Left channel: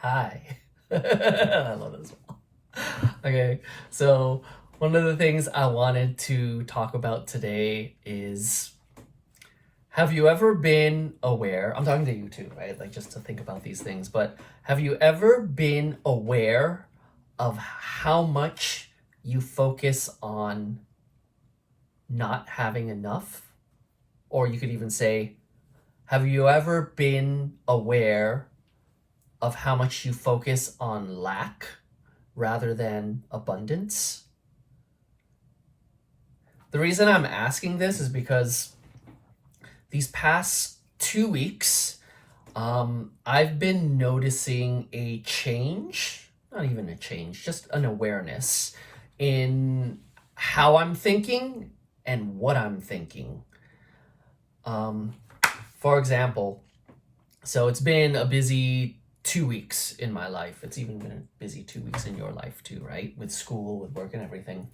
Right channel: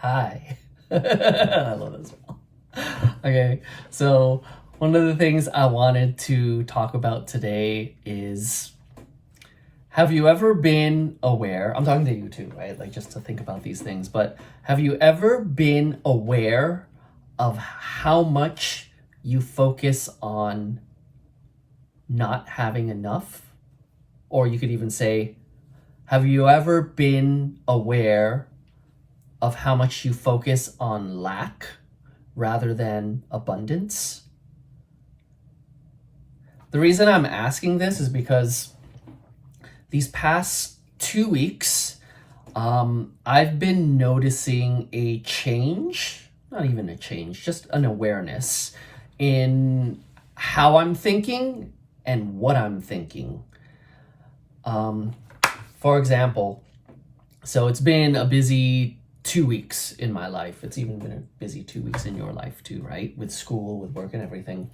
Hi. I love this one. Okay, so one of the things I wanted to talk about today is, have you ever been aware? I'm talking to you too, right? Like, just to think about these things, but have you ever been aware of how much you focus on not having enough? Or you could even say, have you ever been aware of how much you focus on lack rather than abundance? The reason I'm asking this is because these past 2 weeks, I've been noticing a change, not even a change, just an awareness in how I'm thinking and what I'm thinking. For example, so it's been a busy 2 weeks in my life. It's even been a busy 2 weeks in your life too, right? With school, with work and everything.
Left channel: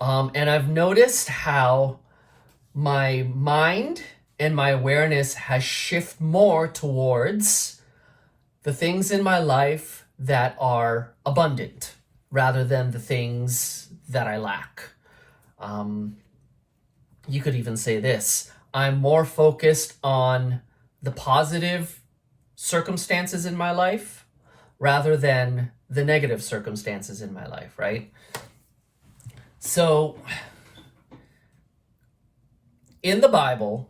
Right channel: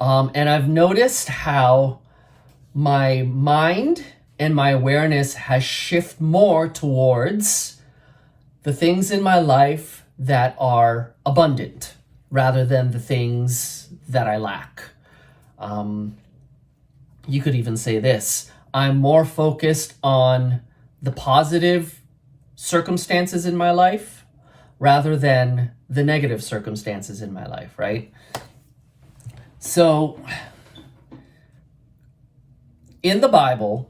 And I've noticed how my mind and my awareness has shifted more towards the things in my life that are abundant rather than the things that I lack. You could even say this: I'm more focused on the positive circumstances in my life rather than the negative circumstances in my life, right? So in the Bible,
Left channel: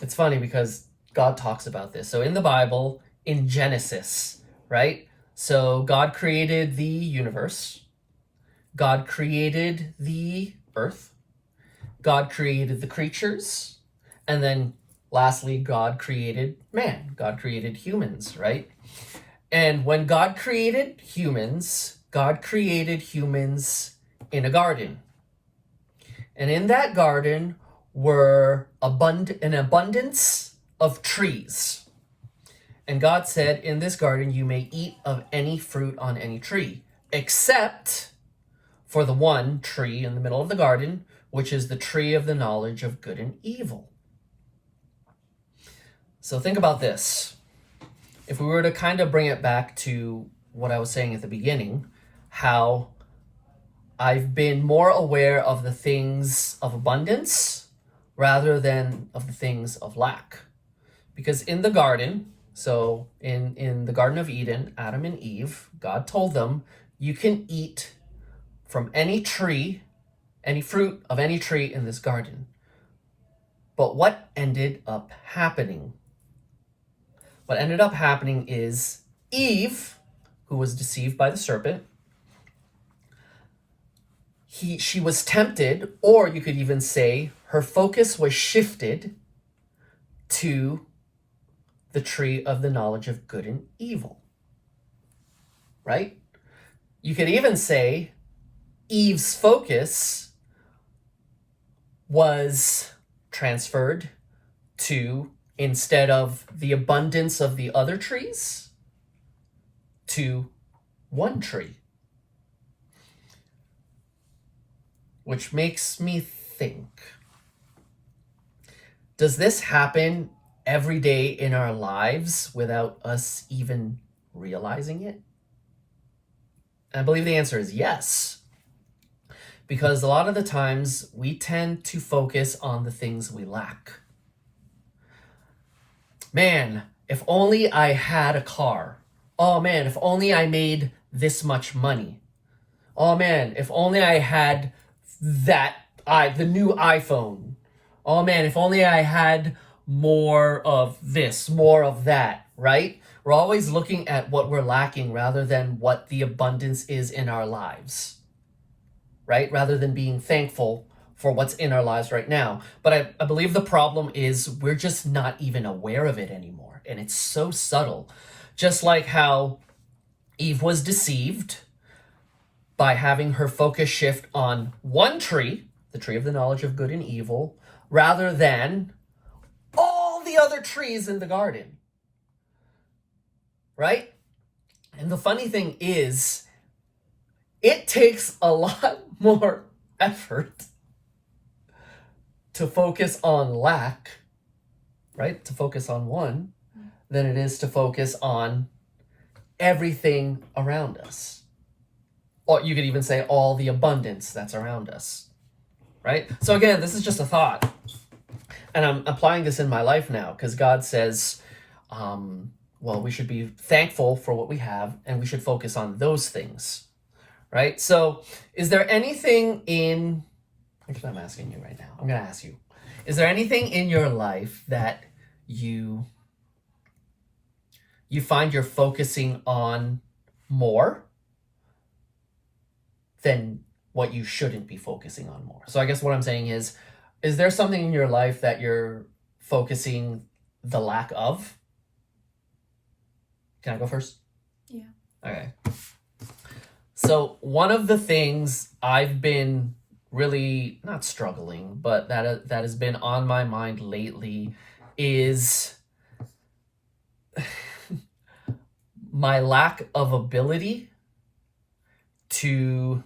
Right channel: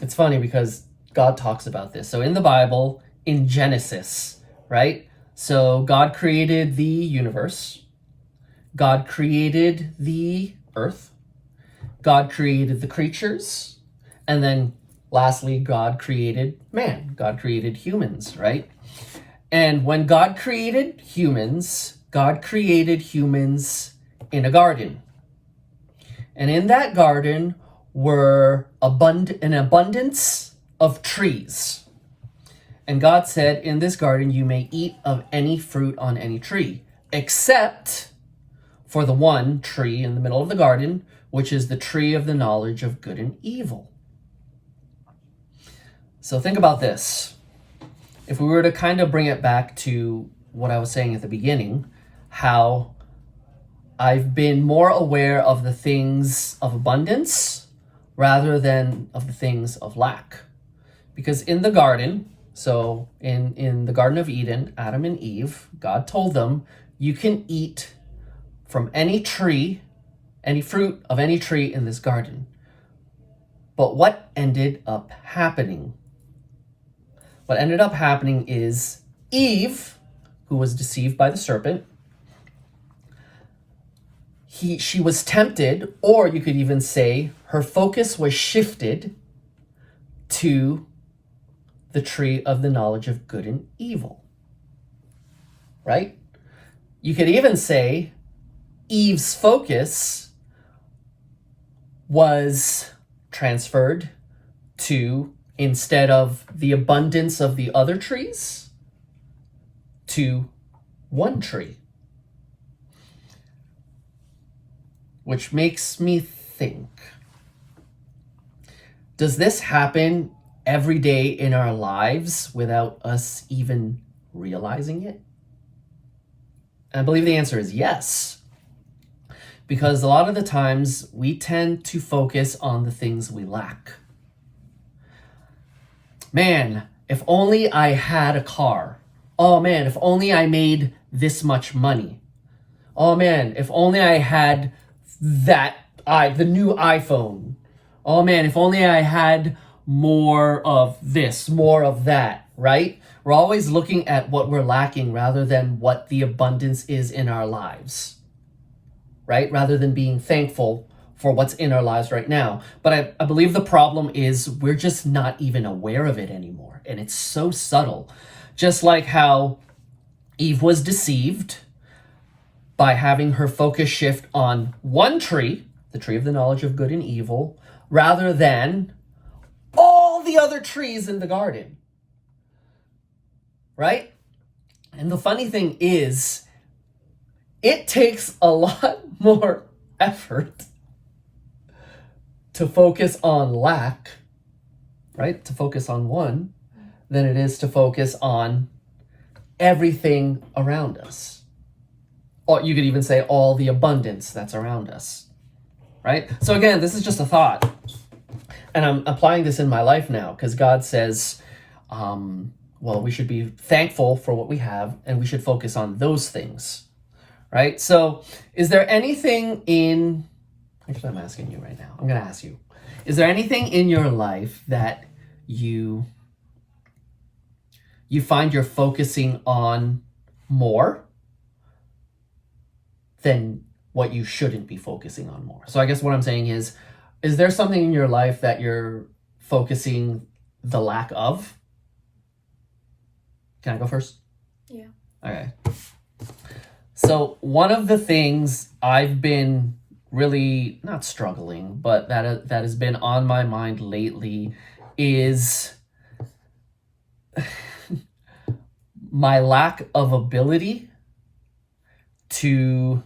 it's funny because God talks about this. So in the Bible, in Genesis, right? So God created the universe. God created the earth. God created the creatures. And then lastly, God created man. God created humans, right? And when God created humans in a garden. And in that garden were an abundance of trees. And God said, in this garden you may eat of any fruit on any tree, except for the one tree in the middle of the garden, which is the tree of the knowledge of good and evil. So think about this. If we were to kind of bring it back to what I was saying at the beginning, how I've been more aware of the things of abundance rather than of the things of lack. Because in the garden, so in the Garden of Eden, Adam and Eve, God told them, you can eat from any tree, any fruit of any tree in this garden. But what ended up happening? What ended up happening is Eve, who was deceived by the serpent, she was tempted, or you could even say her focus was shifted to the tree of the knowledge of good and evil, right? You could even say Eve's focus was transferred to, instead of the abundance of the other trees, to one tree. Which makes me think, does this happen every day in our lives without us even realizing it? And I believe the answer is yes. Because a lot of the times we tend to focus on the things we lack. Man, if only I had a car. Oh man, if only I made this much money. Oh man, if only I had the new iPhone. Oh man, if only I had more of this, more of that, right? We're always looking at what we're lacking rather than what the abundance is in our lives, right? Rather than being thankful for what's in our lives right now. But I believe the problem is we're just not even aware of it anymore. And it's so subtle. Just like how Eve was deceived by having her focus shift on one tree, the tree of the knowledge of good and evil, rather than all the other trees in the garden, right? And the funny thing is, it takes a lot more effort to focus on lack, right? To focus on one, than it is to focus on everything around us. Or you could even say all the abundance that's around us, right? So again, this is just a thought. And I'm applying this in my life now because God says, well, we should be thankful for what we have and we should focus on those things, right? So is there anything in, actually I'm asking you right now, I'm going to ask you, is there anything in your life that you find you're focusing on more than what you shouldn't be focusing on more? So I guess what I'm saying is there something in your life that you're focusing the lack of? Can I go first? Yeah. Okay. So one of the things I've been really not struggling, but that has been on my mind lately is my lack of ability to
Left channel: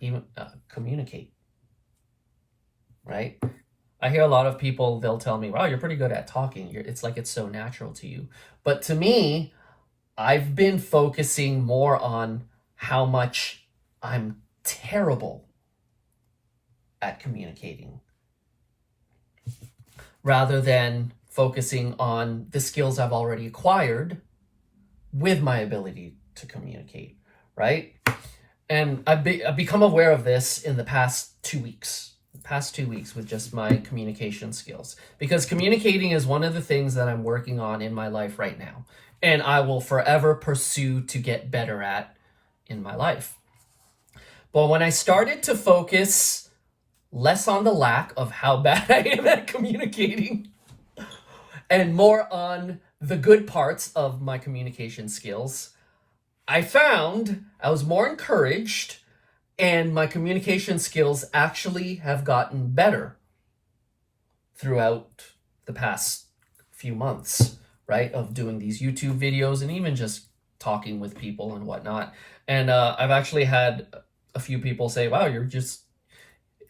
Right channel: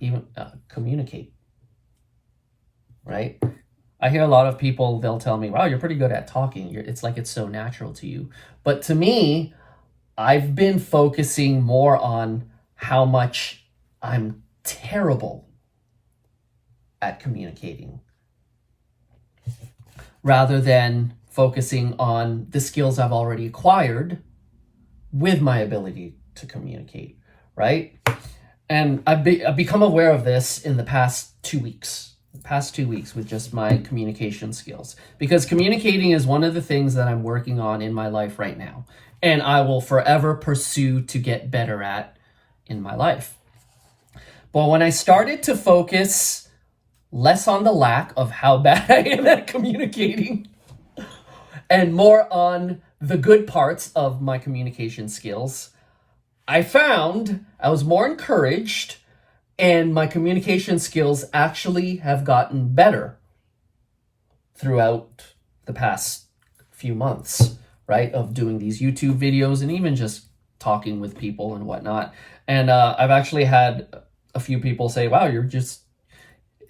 even communicate, right? I hear a lot of people, they'll tell me, wow, you're pretty good at talking. It's like it's so natural to you. But to me, I've been focusing more on how much I'm terrible at communicating rather than focusing on the skills I've already acquired with my ability to communicate, right? And I've become aware of this in the past 2 weeks. With just my communication skills, because communicating is one of the things that I'm working on in my life right now, and I will forever pursue to get better at in my life. But when I started to focus less on the lack of how bad I am at communicating and more on the good parts of my communication skills, I found I was more encouraged and my communication skills actually have gotten better throughout the past few months, right? Of doing these YouTube videos and even just talking with people and whatnot. And I've actually had a few people say, wow,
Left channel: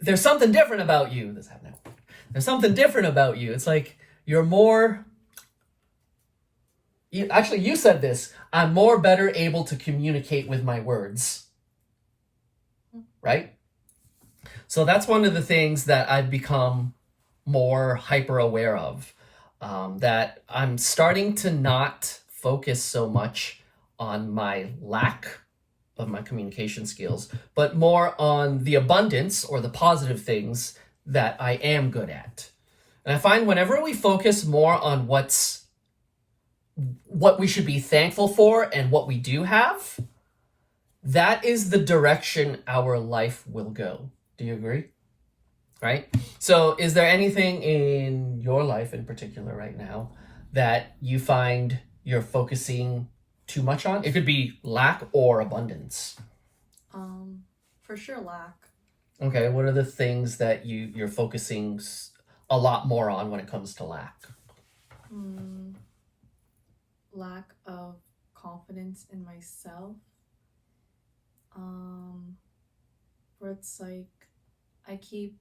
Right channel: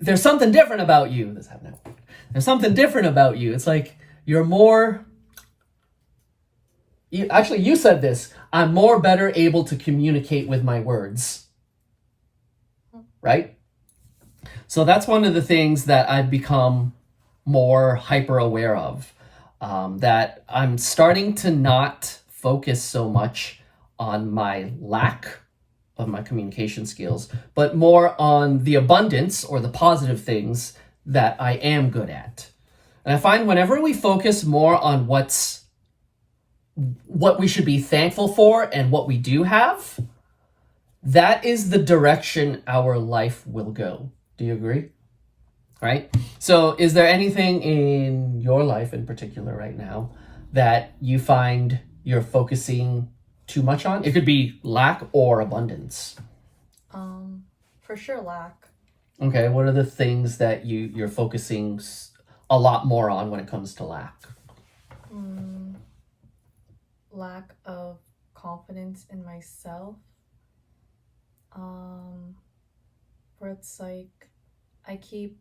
there's something different about you. There's something different about you. It's like you're more, you said this, I'm more better able to communicate with my words. Right? So that's one of the things that I've become more hyper aware of, that I'm starting to not focus so much on my lack of my communication skills, but more on the abundance or the positive things that I am good at. And I find whenever we focus more on what we should be thankful for and what we do have, that is the direction our life will go. Do you agree? Right? So is there anything in your life in particular right now that you find you're focusing too much on? It could be lack or abundance. For sure lack. Okay, what are the things that you're focusing a lot more on when it comes to lack? Lack of confidence in myself. Where it's like I keep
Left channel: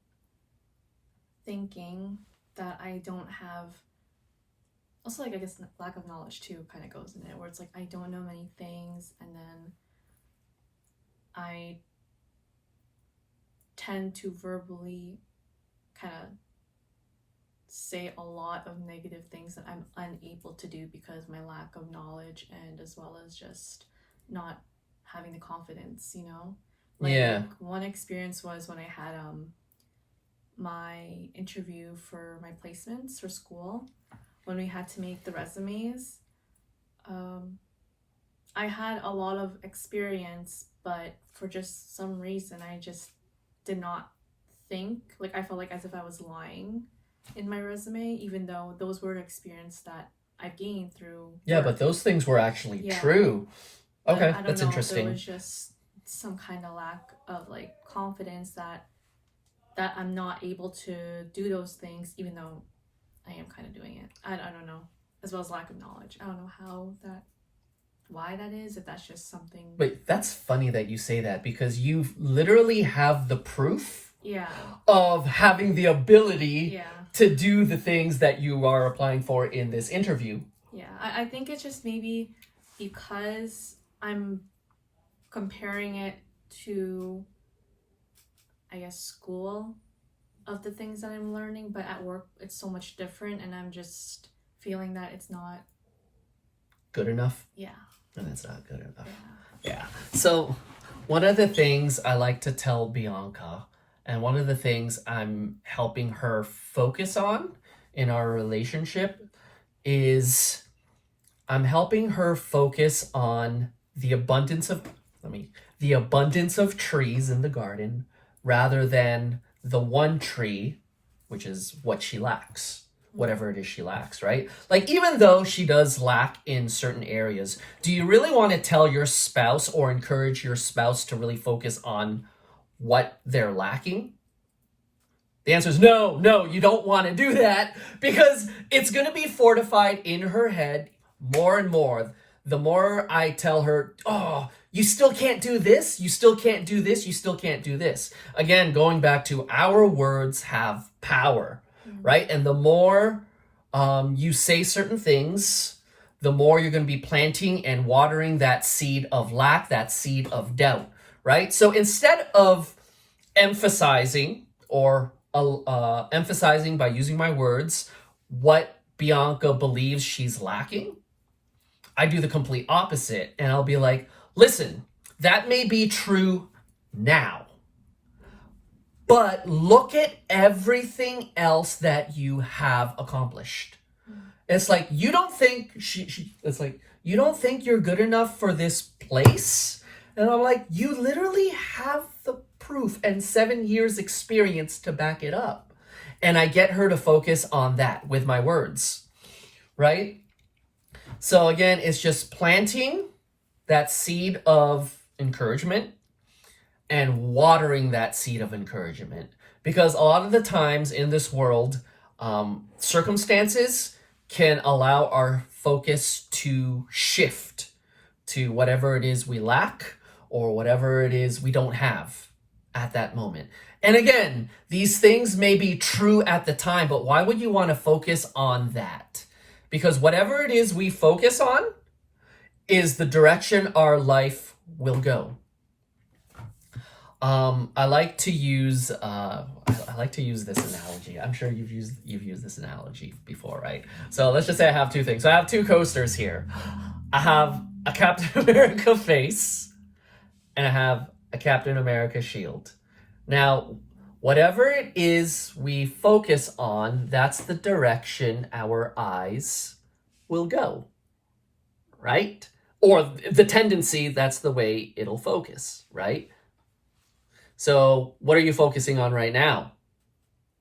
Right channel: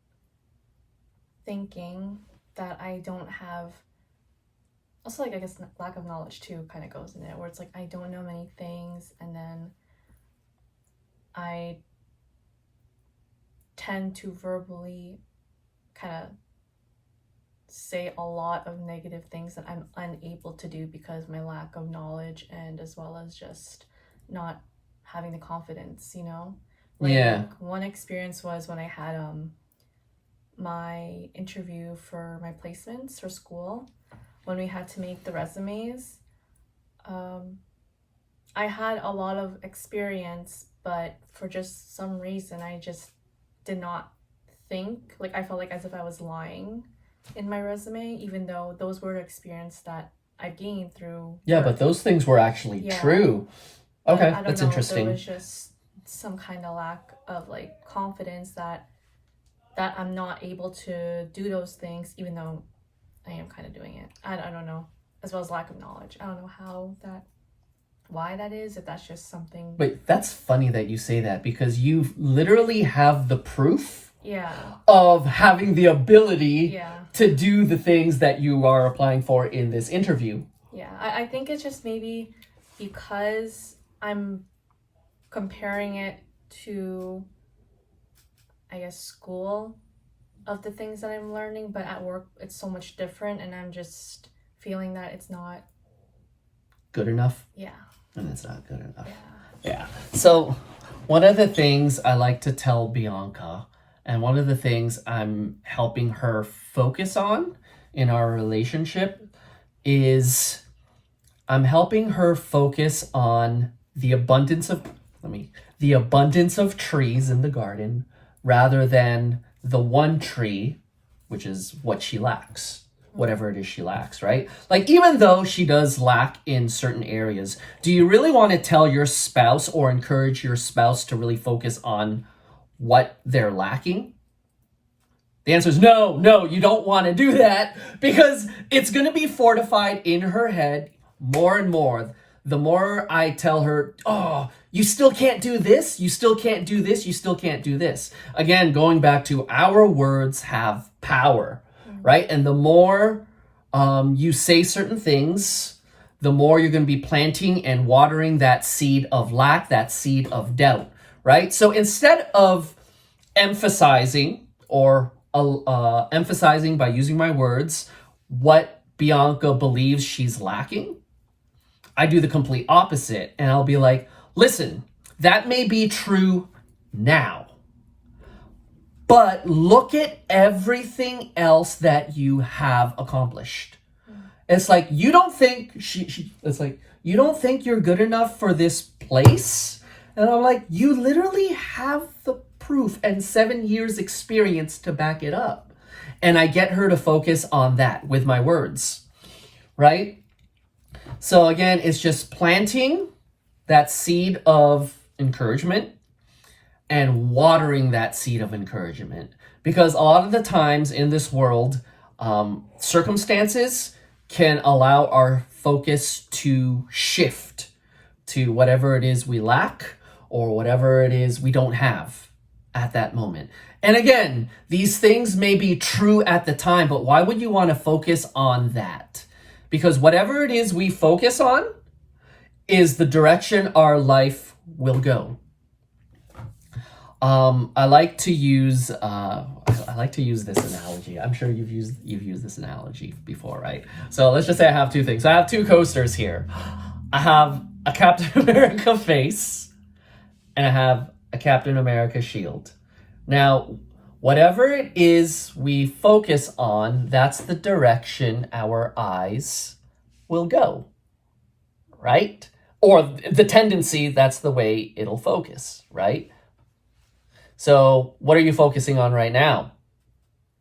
thinking that I don't have, also like I guess lack of knowledge too kind of goes in it, where it's like I don't know many things, and then I tend to verbally kind of say a lot of negative things that I'm unable to do because my lack of knowledge, and as well as just not having the confidence, Like, Yeah. one experience was when I had my interview for my placements for school, when we had to make the resumes. I had a lot of experience, but for just some reason I just did not think, like I felt like as if I was lying in my resume, even though those were the experience that I gained through Yeah, work. but those things were actually Yeah. true. But Okay, I don't that's know, interesting. there was just some kind of lack of like confidence that I'm not able to do those things, even though I am kind of doing it. I don't know, as well as lack of knowledge. I don't know why that is, if that's just something. Wait, that's funny that you say that, because you literally have the proof Yeah. of having the ability Yeah. to do the things that you are applying for in this interview. Yeah, I think it's just maybe because I'm comparing it to, I guess, school of the things that I'm learning, but at work it's so much different, and I'm just feeling that it's not Good enough? yeah. And it's not good enough. Yeah. Yeah. So one of the things I like to tell Bianca, and one of the things I'm helping her focus on in our relationship, is I'm helping her focus on the abundance of trees in the garden rather than the one tree, which is what she lacks. Whatever it is she lacks, right? Like, even though she does lack in certain areas, do you really want to tell your spouse or encourage your spouse to really focus on what they're lacking? The answer is no, you don't want to do that, because it's going to be fortified in her head more and more. The more I tell her, oh, you still can't do this, you still can't do this, you still can't do this. Again, going back to our words have power. Right? And the more you say certain things, the more you're going to be planting and watering that seed of lack, that seed of doubt, right? So instead of emphasizing emphasizing by using my words what Bianca believes she's lacking, I do the complete opposite. And I'll be like, listen, that may be true now, but look at everything else that you have accomplished. It's like, you don't think it's like, you don't think you're good enough for this place? And I'm like, you literally have the proof and 7 years experience to back it up. And I get her to focus on that with my words, right? So again, it's just planting that seed of encouragement and watering that seed of encouragement. Because a lot of the times in this world, circumstances can allow our focus to shift to whatever it is we lack or whatever it is we don't have at that moment. And again, these things may be true at the time, but why would you want to focus on that? Because whatever it is we focus on is the direction our life will go. I like to use this analogy. I'm sure you've used this analogy before, right? So let's just say I have two things. So I have two coasters here. I have a Captain America face and I have a Captain America shield. Now, whatever it is we focus on, that's the direction our eyes will go, right? Or the tendency, that's the way it'll focus, right? So what are you focusing on right now?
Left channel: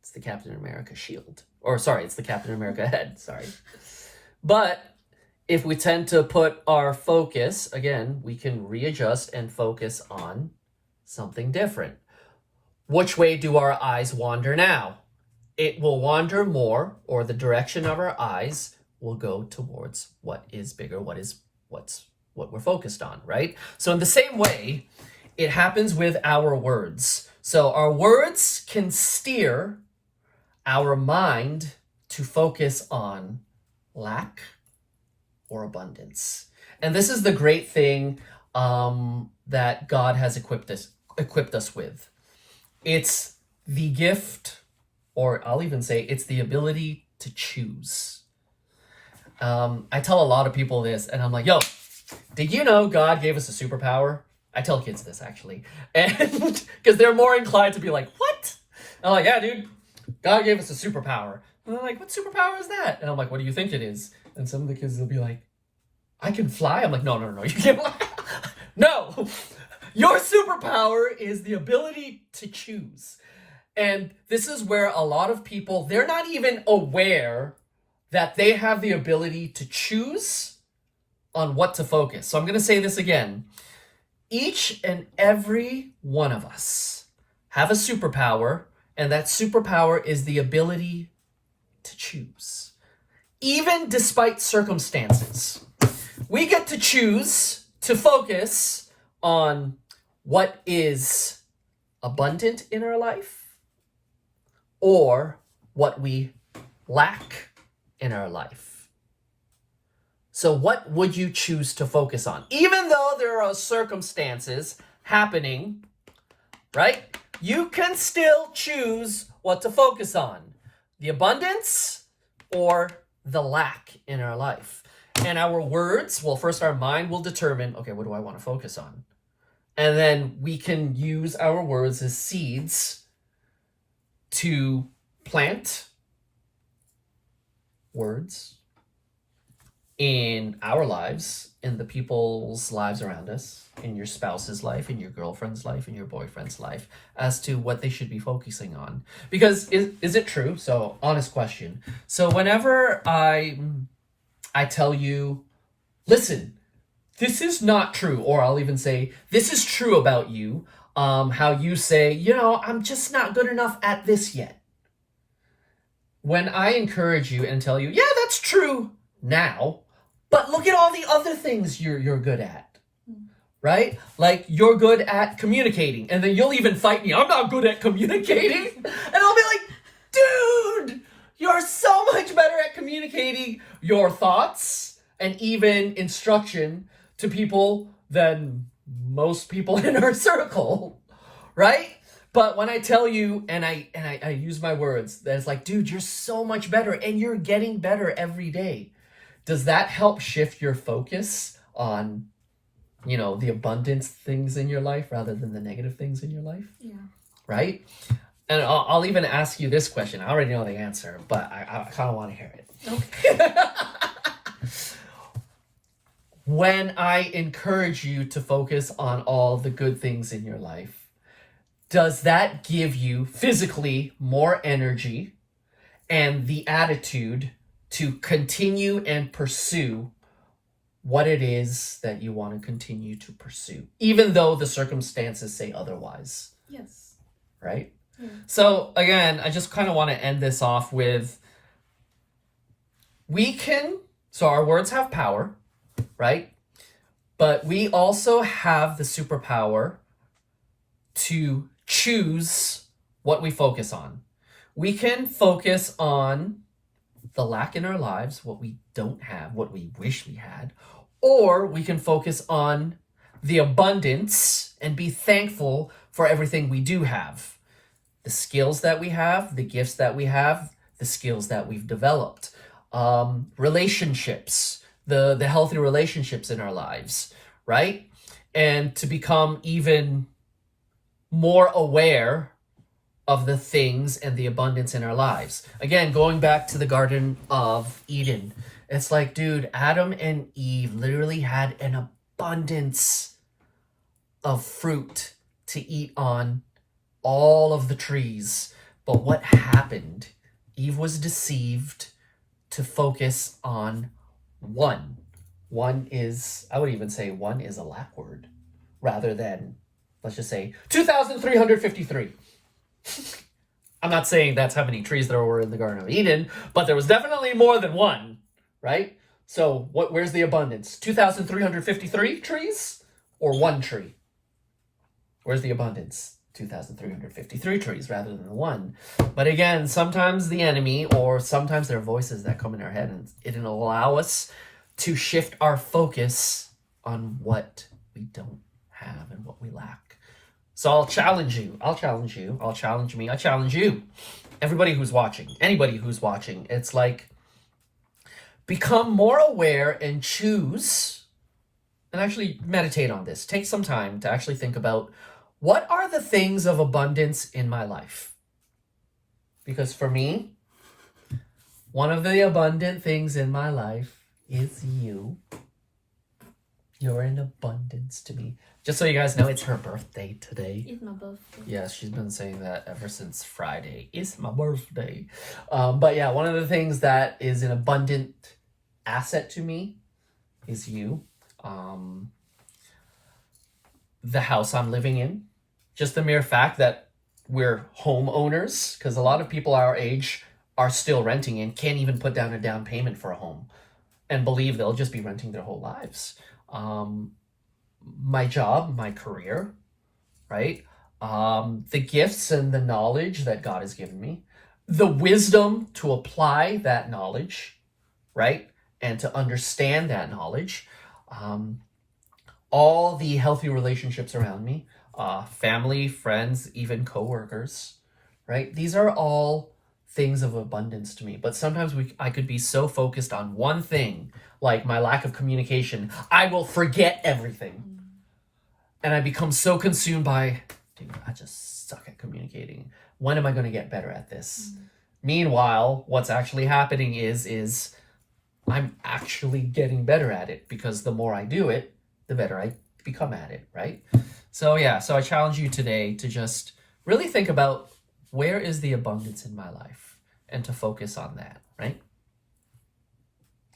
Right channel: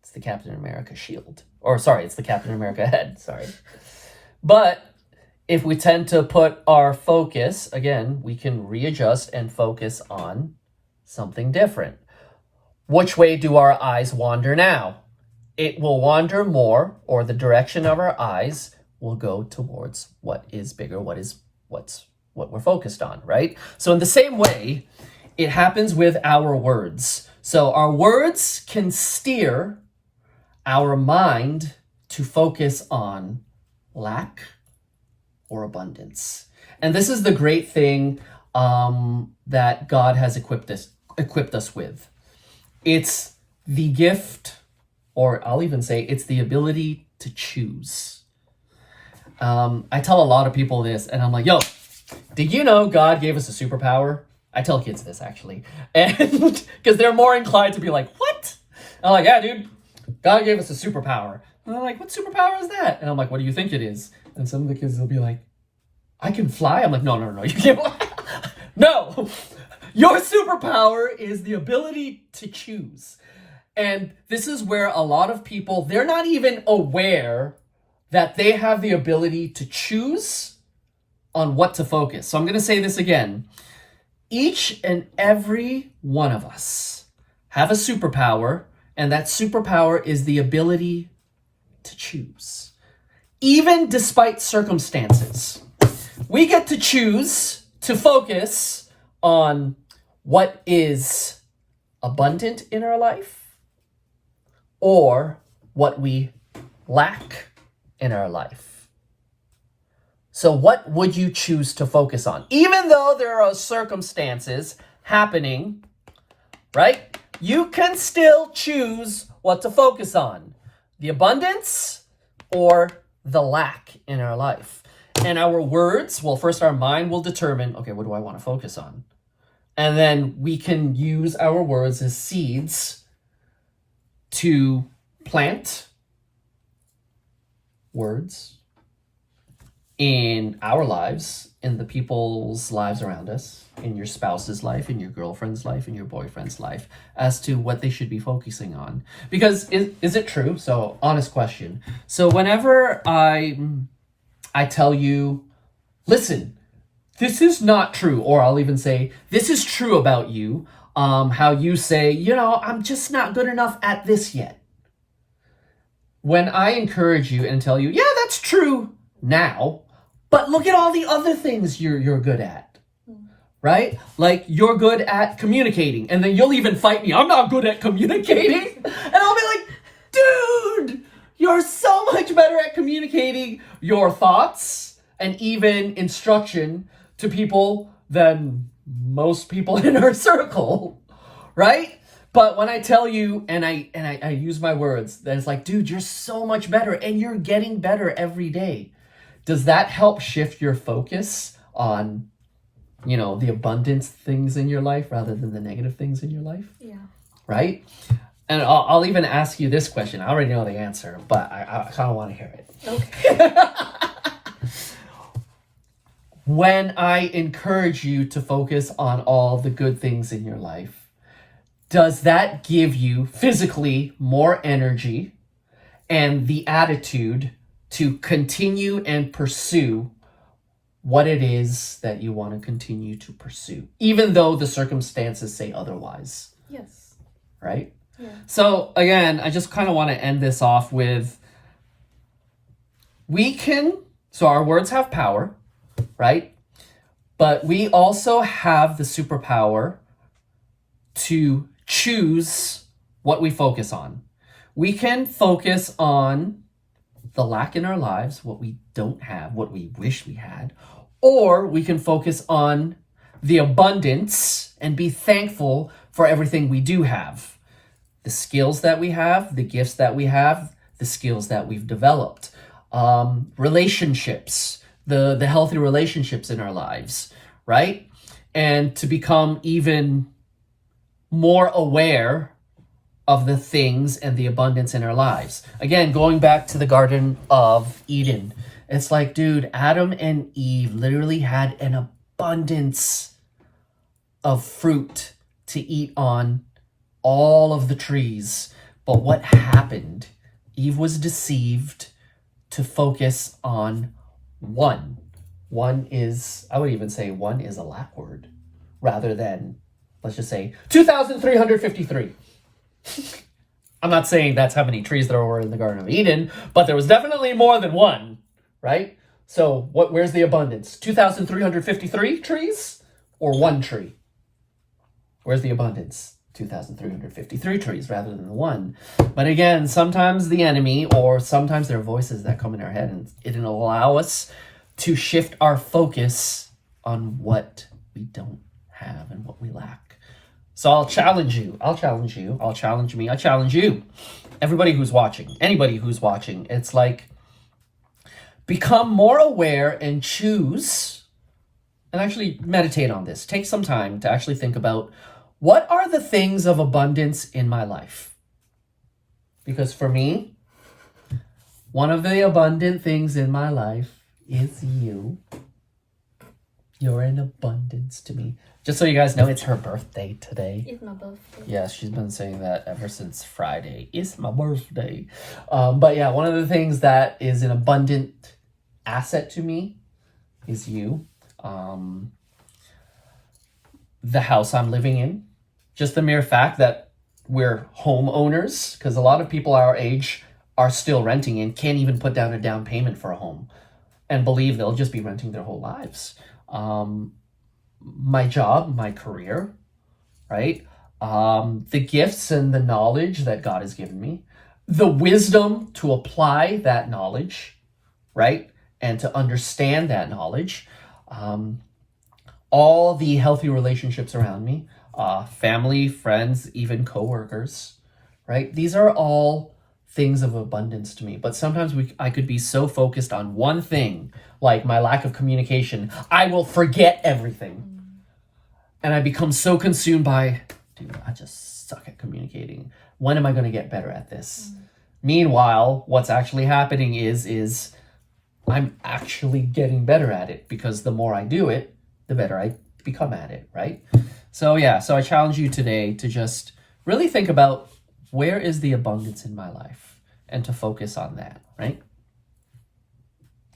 It's the Captain America shield. Or sorry, it's the Captain America head, sorry. But if we tend to put our focus, again, we can readjust and focus on something different. Which way do our eyes wander now? It will wander more, or the direction of our eyes will go towards what is bigger, what we're focused on, right? So in the same way, it happens with our words. So our words can steer our mind to focus on lack or abundance. And this is the great thing that God has equipped us with. It's the gift, or I'll even say it's the ability to choose. I tell a lot of people this, and I'm like, yo, did you know God gave us a superpower? I tell kids this, actually. And because they're more inclined to be like, what? I'm like, yeah, dude, God gave us a superpower. And they're like, what superpower is that? And I'm like, what do you think it is? And some of the kids will be like, I can fly? I'm like, no, you can't fly. No, your superpower is the ability to choose. And this is where a lot of people, they're not even aware that they have the ability to choose on what to focus. So I'm going to say this again. Each and every one of us have a superpower, and that superpower is the ability to choose. Even despite circumstances, we get to choose to focus on what is abundant in our life or what we lack in our life. So what would you choose to focus on? Even though there are circumstances happening, right? You can still choose what to focus on. The abundance or the lack in our life. And our words, well, first our mind will determine, okay, what do I want to focus on? And then we can use our words as seeds to plant words in our lives, in the people's lives around us, in your spouse's life, in your girlfriend's life, in your boyfriend's life, as to what they should be focusing on. Because is it true? So, honest question. So whenever I tell you, listen, this is not true, or I'll even say, this is true about you, how you say, I'm just not good enough at this yet. When I encourage you and tell you, yeah, that's true now, but look at all the other things you're good at, right? Like, you're good at communicating, and then you'll even fight me, I'm not good at communicating, and I'll be like, dude, you're so much better at communicating your thoughts and even instruction to people than most people in our circle, right? But when I tell you and I use my words, that it's like, dude, you're so much better and you're getting better every day. Does that help shift your focus on, the abundance things in your life rather than the negative things in your life? Yeah. Right? And I'll even ask you this question. I already know the answer, but I kind of want to hear it. Okay. When I encourage you to focus on all the good things in your life, does that give you physically more energy and the attitude to continue and pursue what it is that you want to continue to pursue, even though the circumstances say otherwise? Yes. Right? Yeah. So again, I just kind of want to end this off with, so our words have power, right? But we also have the superpower to choose what we focus on. We can focus on the lack in our lives, what we don't have, what we wish we had, or we can focus on the abundance and be thankful for everything we do have. The skills that we have, the gifts that we have, the skills that we've developed, relationships, the healthy relationships in our lives, right? And to become even more aware of the things and the abundance in our lives. Again, going back to the Garden of Eden, it's like, dude, Adam and Eve literally had an abundance of fruit to eat on, all of the trees. But what happened? Eve was deceived to focus on one. I would even say one is a lack word rather than, let's just say, 2,353. I'm not saying that's how many trees there were in the Garden of Eden, but there was definitely more than one, right? So where's the abundance? 2,353 trees or one tree? Where's the abundance? 2,353 trees rather than the one. But again, sometimes the enemy, or sometimes there are voices that come in our head, and it'll allow us to shift our focus on what we don't have and what we lack. So I'll challenge you. I'll challenge you. I'll challenge me. I challenge you. Everybody who's watching. Anybody who's watching. It's like, become more aware and choose, and actually meditate on this. Take some time to actually think about, what are the things of abundance in my life? Because for me, one of the abundant things in my life is you. You're an abundance to me. Just so you guys know, it's her birthday today. It's my birthday. Yeah, she's been saying that ever since Friday. It's my birthday. But yeah, one of the things that is an abundant asset to me is you. The house I'm living in. Just the mere fact that we're homeowners, because a lot of people our age are still renting and can't even put down a down payment for a home and believe they'll just be renting their whole lives. My job, my career, right? The gifts and the knowledge that God has given me, the wisdom to apply that knowledge, right? And to understand that knowledge. All the healthy relationships around me, family, friends, even coworkers, right? These are all things of abundance to me. But sometimes I could be so focused on one thing, like my lack of communication, I will forget everything. And I become so consumed by, dude, I just suck at communicating. When am I going to get better at this? Meanwhile, what's actually happening is I'm actually getting better at it, because the more I do it, the better I become at it, right? So yeah, so I challenge you today to just really think about, where is the abundance in my life, and to focus on that, right?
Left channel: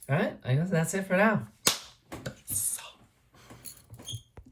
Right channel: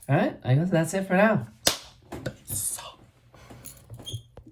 All right, I guess that's it for now.